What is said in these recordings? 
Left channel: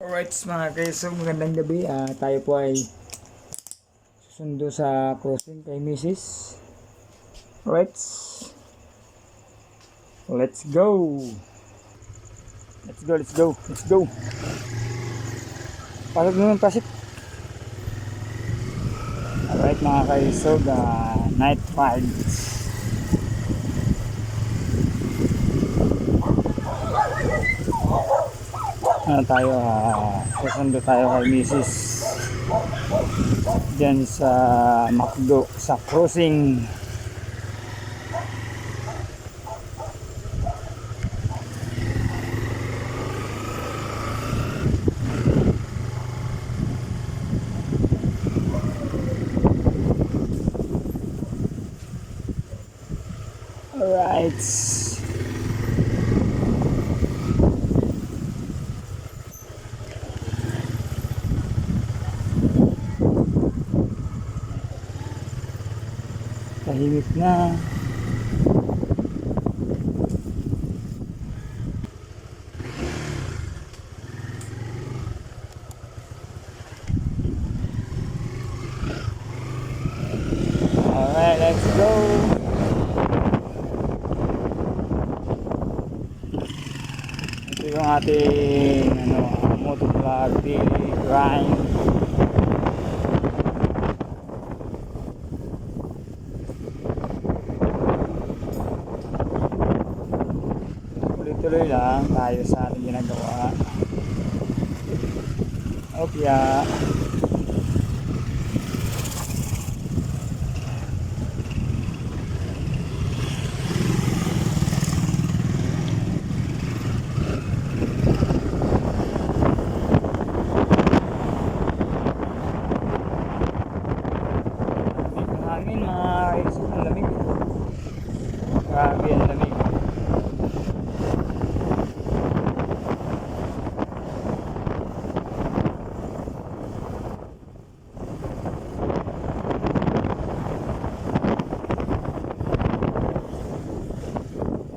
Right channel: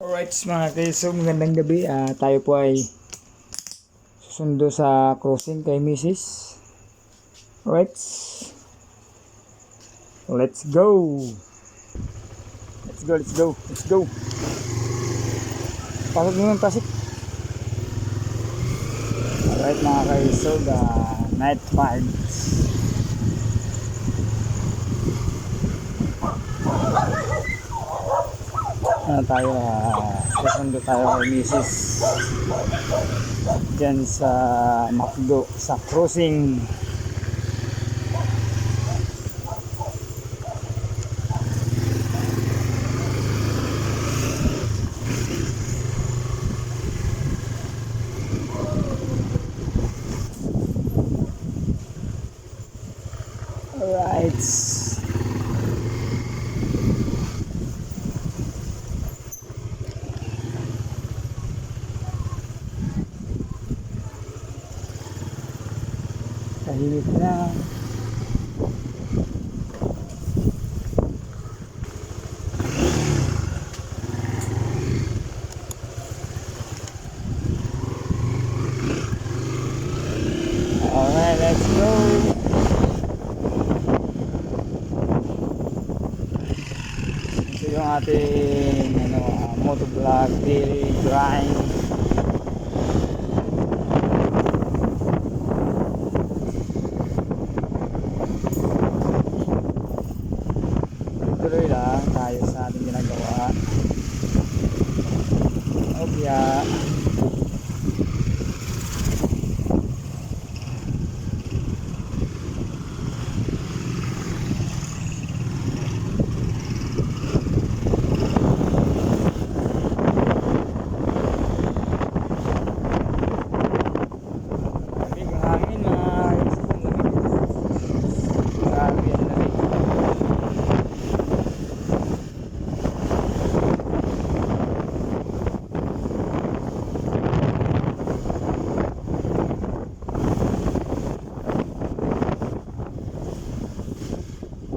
Alright mga kaisog, magandang gabi. Tayo po ay susundo sa crossing kay Mrs. Alright, let's go. Let's go. Pasok naman, pasok. Alright mga kaisog, night vibes. Susundo tayo kay Mrs. Diyan sa McDo, sa crossing. Alright. Tahimik na. Alright, let's go. Ito yung ating motovlog daily grind. Tuloy lang tayo sa ating ginagawa. Obya. Lamig ang hangin mga kaisip, ang lamig. Grabe ang lamig.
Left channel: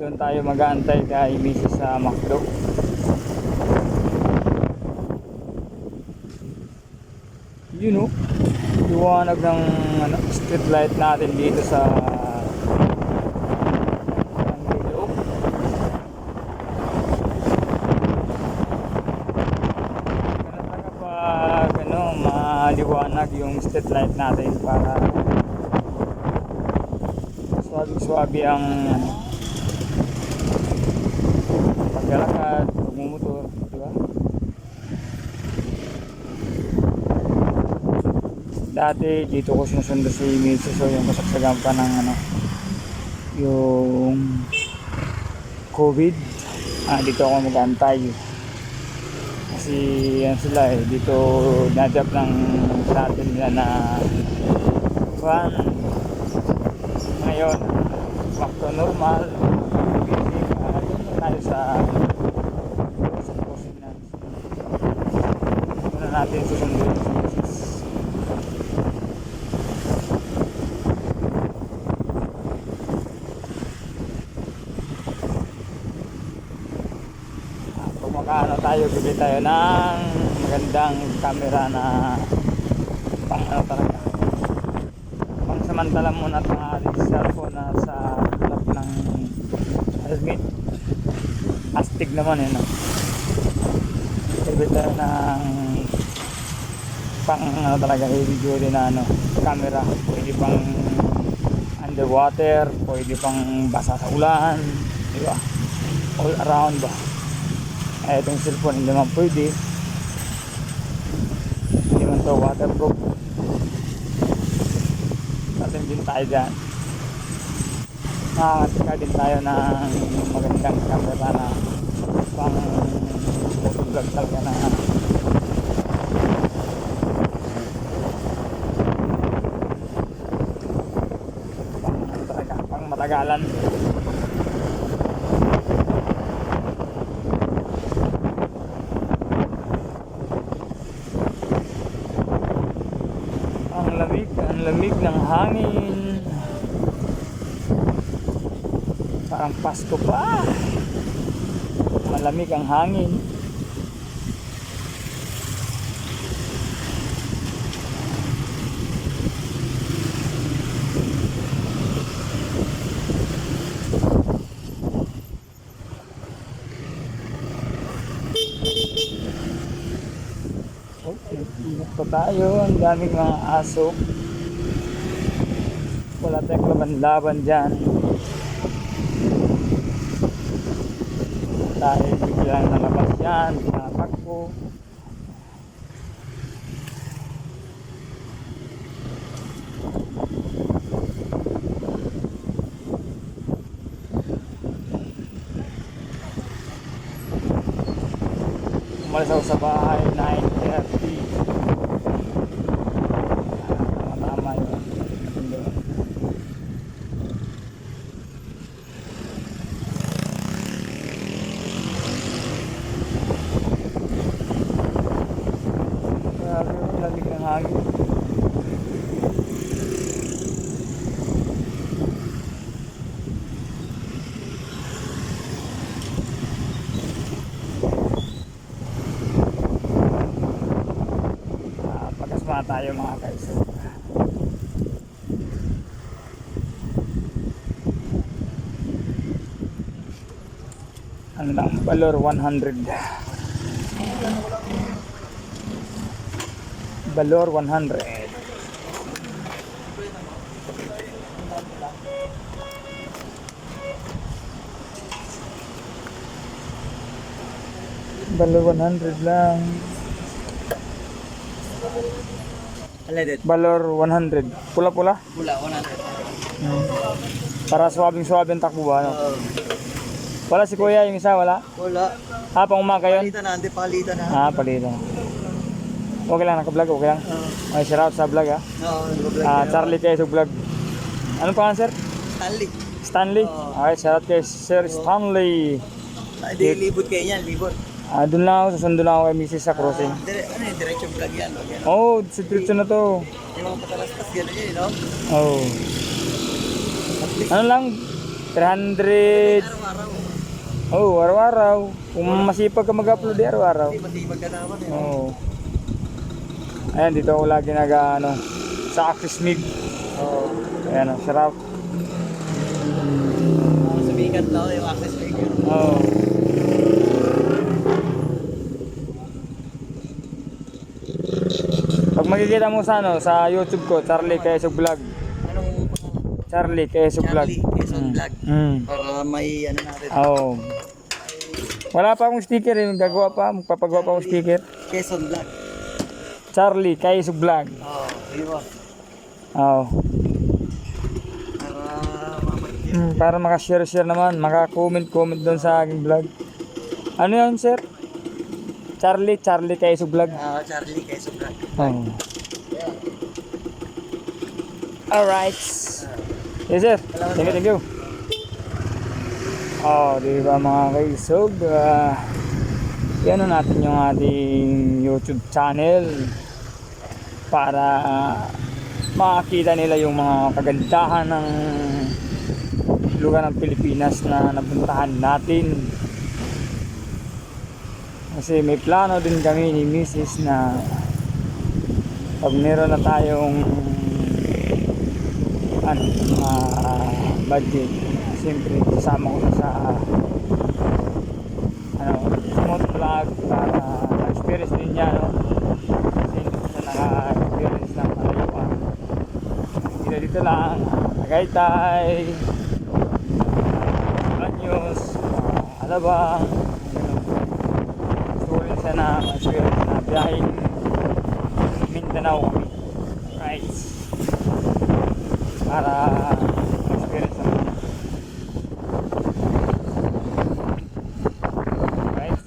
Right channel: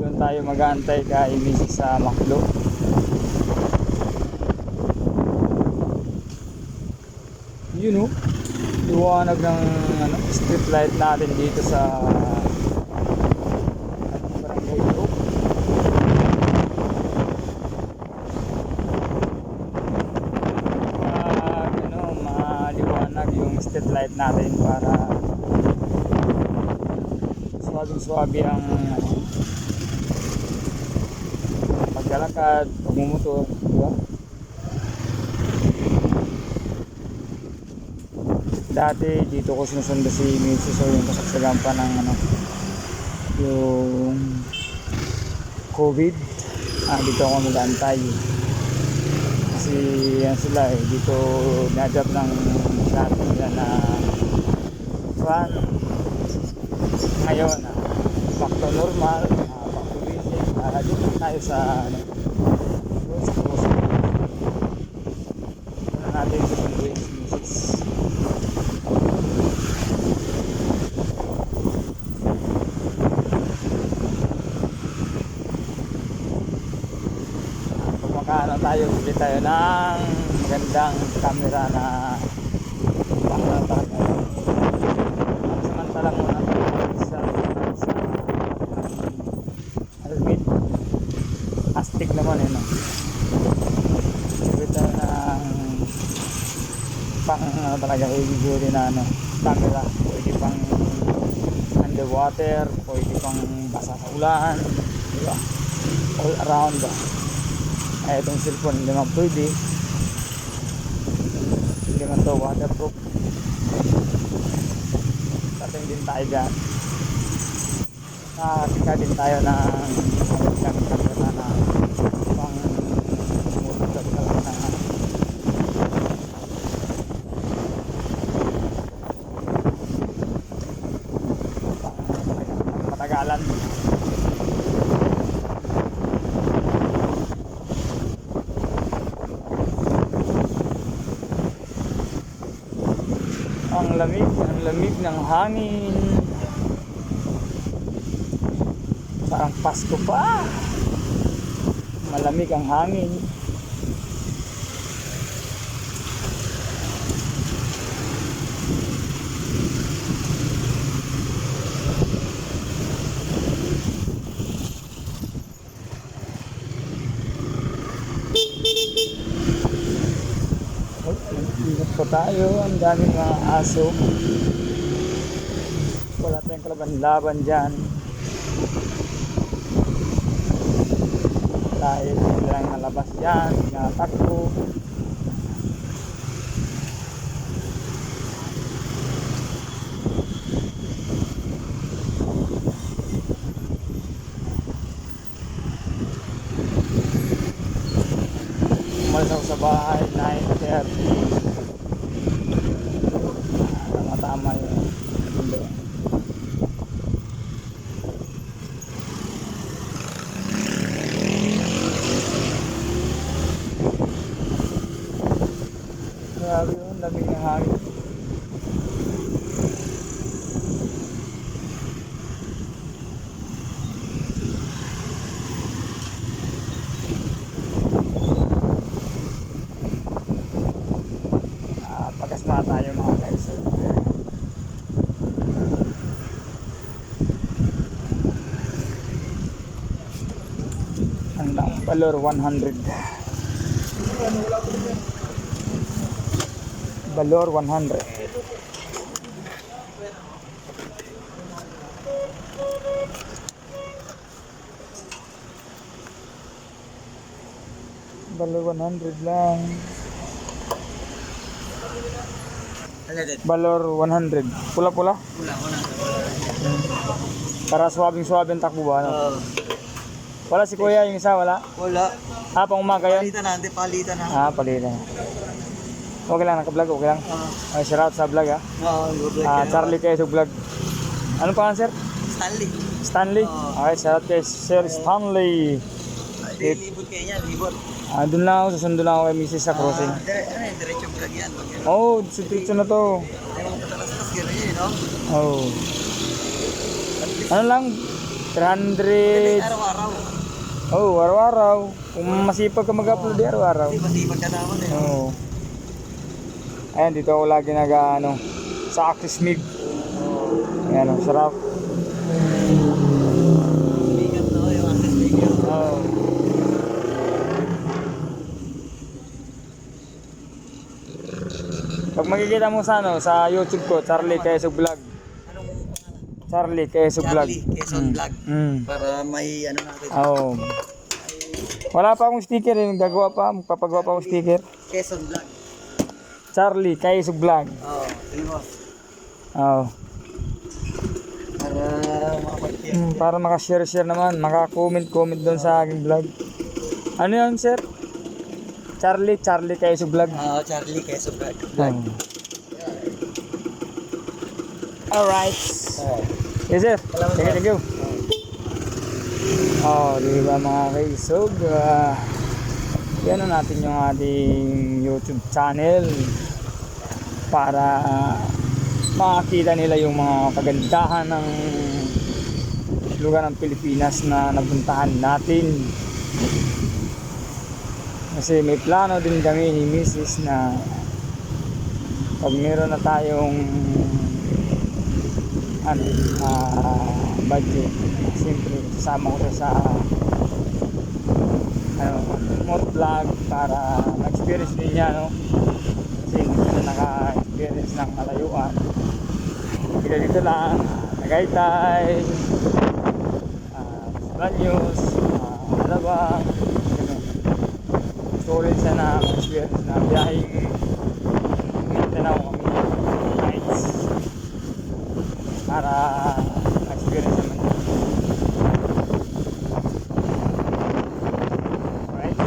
Doon tayo mag-aantay kay Mrs. sa McDo. You know, liwanag ng street light natin dito sa Barangay Loob. Kapag maliwanag yung street light natin para swabe ang paglalakad, pagmumotor, di ba? Dati dito ko sinusundo si Mrs. So yung kasagsagan pa ng yung COVID, dito ako mag-antay kasi yan sila dito nadap ng sa atin nila na van. Ngayon back to normal, doon tayo sa crossing. Doon natin susunduin si Mrs. Pag makaano tayo, bibili tayo ng magandang camera na pang talaga. Samantala muna itong cellphone na sa harap ng helmet. Astig naman bibili tayo ng pang talaga heavy duty na camera. Pwede pang underwater, pwede pang basa sa ulan, di ba? All around ba? Itong cellphone hindi man pwede, hindi man to waterproof. Tatim din tayo dyan, nakakatika din tayo ng magandang camera na pang motovlog talaga na pang matagalan. Ang lamig ng hangin. Parang Pasko pa. Malamig ang hangin. Ingat pa tayo, ang daming mga aso. Wala tayong laban-laban dyan. Dahil biglang nalabas yan, natakbo. Umalis ako sa bahay, 9:30. Tama-tama yun. Grabe yun, lamig ng hangin. Pagkasma tayo mga guys. Ano lang, Valor 100. Valor 100. Valor 100 lang. Valor 100. Pula-pula? Pula, 100. Para swabing-swabing takbo ba? Ano? Wala si kuya, yung isa wala? Wala. Pang umaga yun? Palitan na, hindi palitan na. Palitan. Okay lang, naka-vlog, okay lang. Okay, shout out sa vlog ha. Oo, vlog. Charlie Quezog Vlog. Anong pangalan sir? Stanley. Stanley? Okay, shout out kay Sir Stanley. Hindi, libot kayo yan, libot. Doon lang ako, susundo lang ako kay Mrs. sa crossing. Diretso vlog yan. Diretso na to. Patalastas, gano'n yun, no? Ano lang? 300. Araw-araw. Araw-araw. Kung masipag ka mag-upload, araw-araw. Hindi, masipag ka naman eh. Ayan, dito ako lagi sa Axis Mig. Ayan, sarap. Sumikat na yung Axis Mig yun. Pag makikita mo sa YouTube ko, Charlie Quezog Vlog. Anong pangalan? Charlie Quezog Vlog. Charlie Quezon Vlog. Para may natin. Wala pa akong sticker, magpapagawa pa akong sticker. Quezon Vlog. Charlie Quezog Vlog. Yun ba? Para makashare naman, maka-comment doon sa aking vlog. Ano yun sir? Charlie Quezog Vlog. Charlie Quezon Vlog. Alright. Yes sir. Thank you. Diba mga kaisog, yan na natin yung ating YouTube channel para makakita nila yung mga kagandahan ng lugar ng Pilipinas na nabuntahan natin. Kasi may plano din kami ni Mrs. na pag meron na tayong budget, siyempre kasama ko siya sa motovlog para ma-experience din niya, no? Kasi hindi siya naka-experience ng malayuan. Dito lang, Tagaytay, Banyos, Alabang, gano'n. Gusto ko rin siya na ma-experience na biyaheng Mindanao kami nights para ma-experience naman. Right,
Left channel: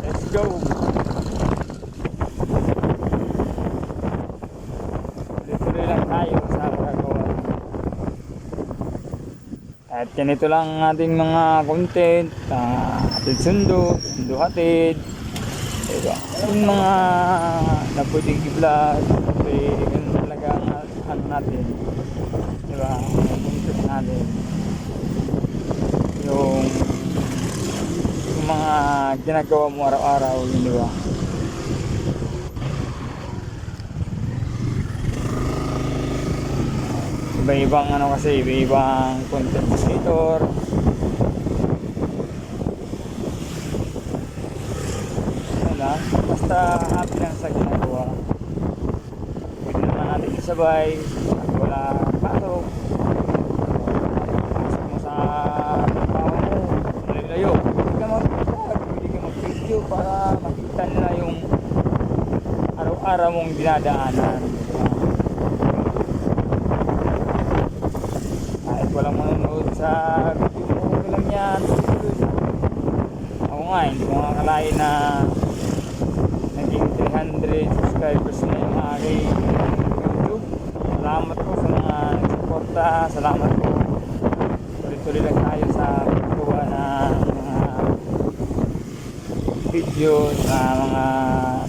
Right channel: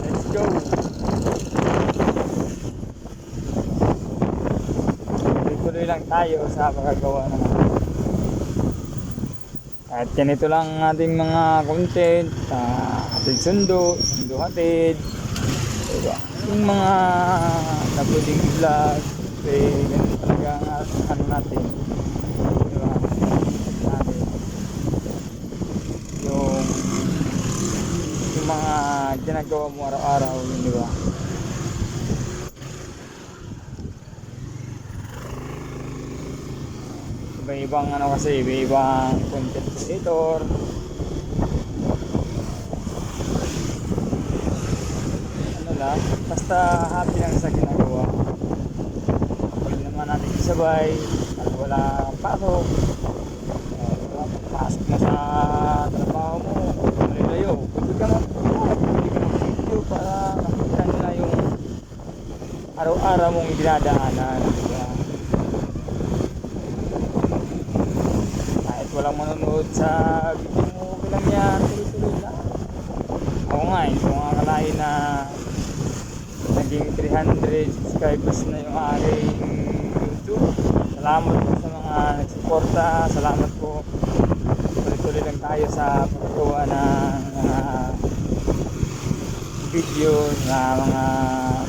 let's go! Tuloy lang tayo sa pagkagawa ng at ganito lang ang ating mga content, hatid sundo hatid, diba? Yung mga na pwedeng i-vlog, ganun talaga ang natin, diba? Yung content natin, yung mga ginagawa mo araw-araw, yun, diba? Iba-ibang iba-ibang content creator. Lang lang. Basta happy lang sa ginagawa. Pwede naman natin isabay. At wala pasok. Pasok mo sa trabaho mo. Layo. Pwede ka mag-vlog. Pwede ka mag-video para makita nila yung araw-araw mong dinadaanan. Diba? Kahit walang manonood sa video mo, okay lang yan. Tuloy lang. Ako nga, hindi ko nga akalain na naging 300 subscribers na yung aking YouTube. Salamat po sa mga nagsuporta. Salamat po. Tuloy-tuloy lang tayo sa paggawa ng mga video, sa mga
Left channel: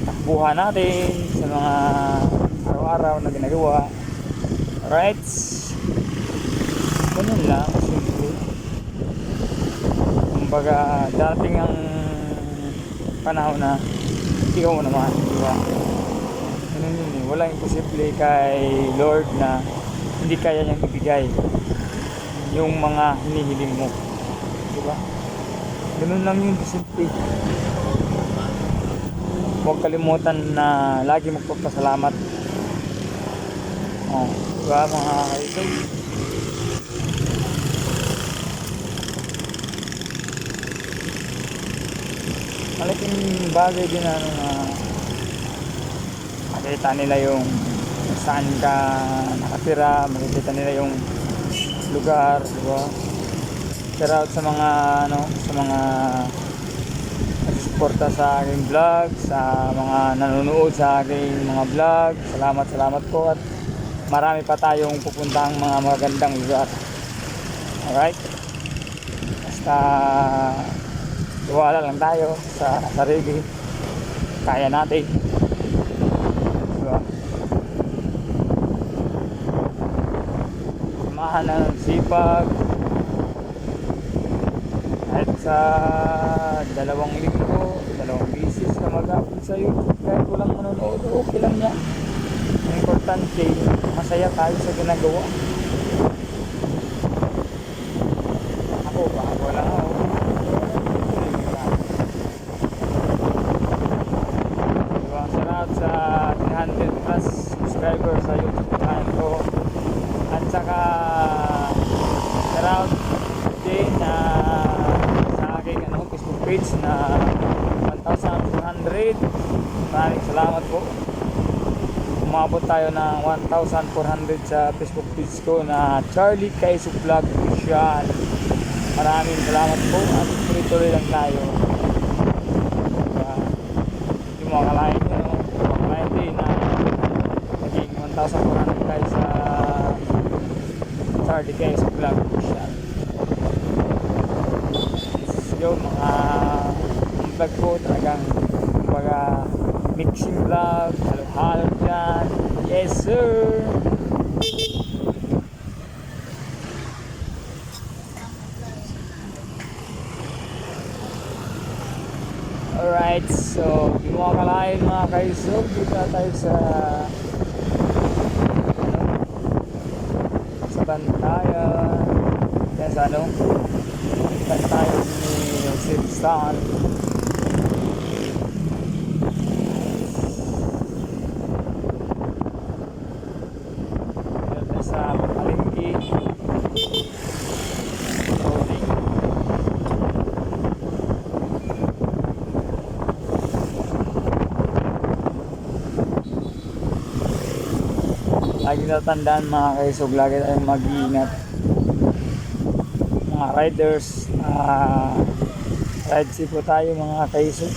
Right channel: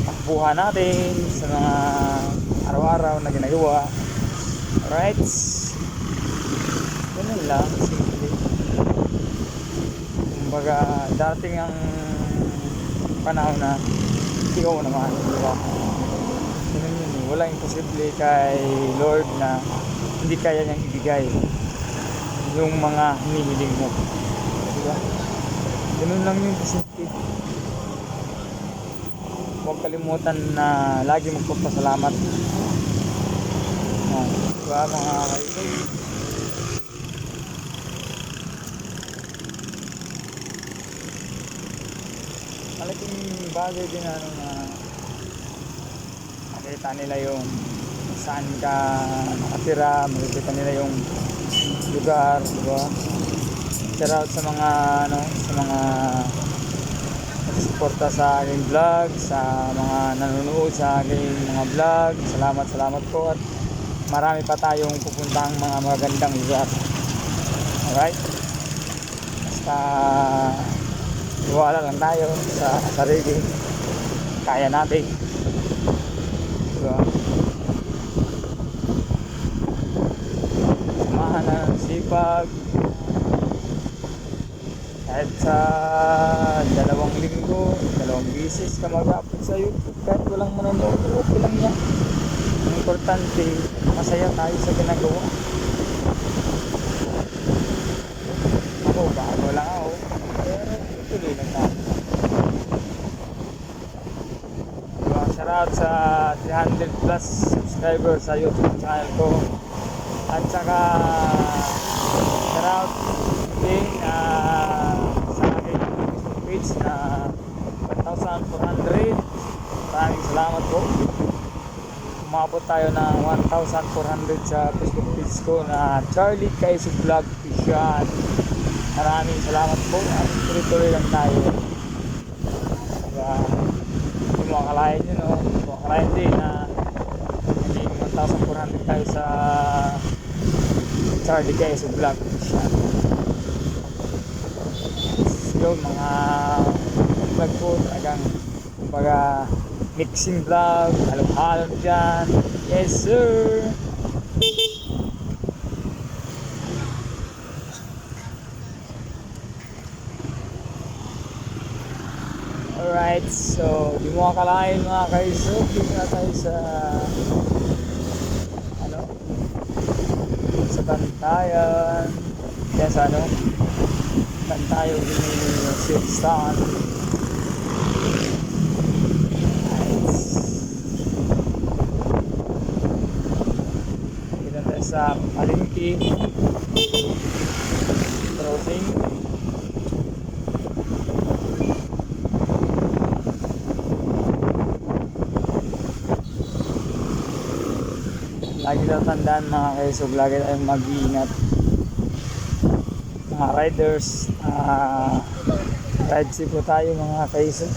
takbuhan natin, sa mga araw-araw na ginagawa. Alright? Ganun lang, simple. Kumbaga, dating ang panahon na ikaw naman, di ba? Ganun yun eh. Walang imposible kay Lord na hindi kaya niyang ibigay yung mga hinihiling mo. Di ba? Ganun lang yun, simple. Huwag kalimutan na lagi magpapasalamat. Oh, di ba mga kaibigan? Malaking bagay din ano na makita nila yung kung saan ka nakatira, makikita nila yung lugar, di ba? Shout out sa mga ano, sa mga nagsuporta sa aking vlog, sa mga nanonood sa aking mga vlog. Salamat po at marami pa tayong pupuntang mga magagandang lugar. Alright? Basta iwala lang tayo sa sarili. Kaya natin. Diba? Samahan na ng sipag. Kahit sa 2 linggo, 2 bisis ka mag-upload sa YouTube, kahit walang manonood, okay lang yan. Ang importante, masaya tayo sa ginagawa. Ako, bago lang ako. Tuloy na tayo. Diba? Shoutout sa 300 plus subscribers sa YouTube channel ko. At saka shoutout din sa aking Facebook page na 1,400. Maraming salamat po. Umabot tayo ng 1,400 sa Facebook page ko na Charlie Kaiso Vlog Official. Maraming salamat po at tuloy-tuloy lang tayo. Diba? Hindi mo akalain yun, no? Hindi mo akalain din na naging 1,400 tayo sa Charlie Kaiso Vlog Official. Yung mga vlog ko talagang kumbaga mixing vlog, halo-halo dyan. Yes sir! Alright, so di mo akalain mga kaisog, dito na tayo sa ano, sa Bantayan. Yan sa ano, Bantayan ni Silstan. Nice. Dito tayo sa Palengke crossing. Lagi tatandaan mga kaisog, lagi tayong mag-iingat mga riders. Ride safe po tayo mga kaisog.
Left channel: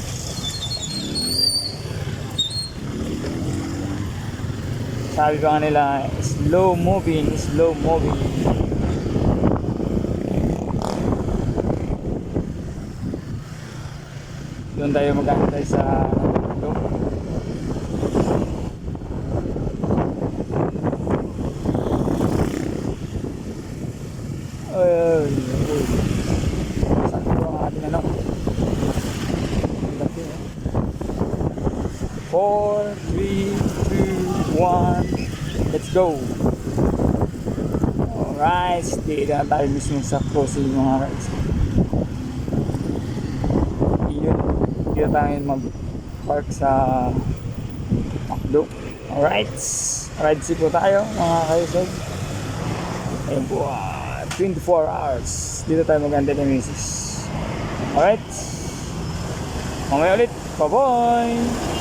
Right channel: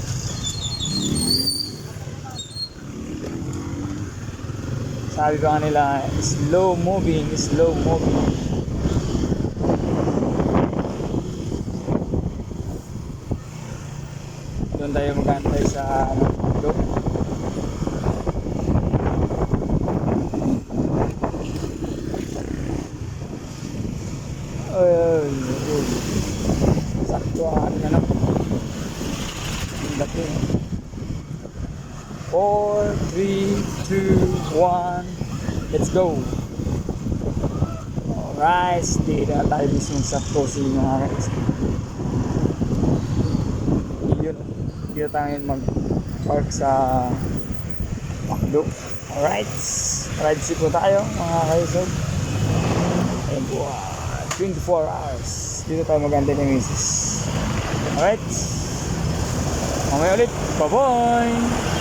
Sabi pa nga nila, slow moving. Doon tayo mag-antay sa ano, doon. Uy. Sakto ang ating ano. Ang laki eh. 4, 3, 2, 1. Let's go. Alright. Dito na tayo mismo sa crossing mga guys. Dito tayo mag park sa Macdo. Alright. Ride si po tayo mga kaisog. Ayun po, 24 hours. Dito tayo maganda ni Mrs. Alright. Mamaya ulit. Bye-bye.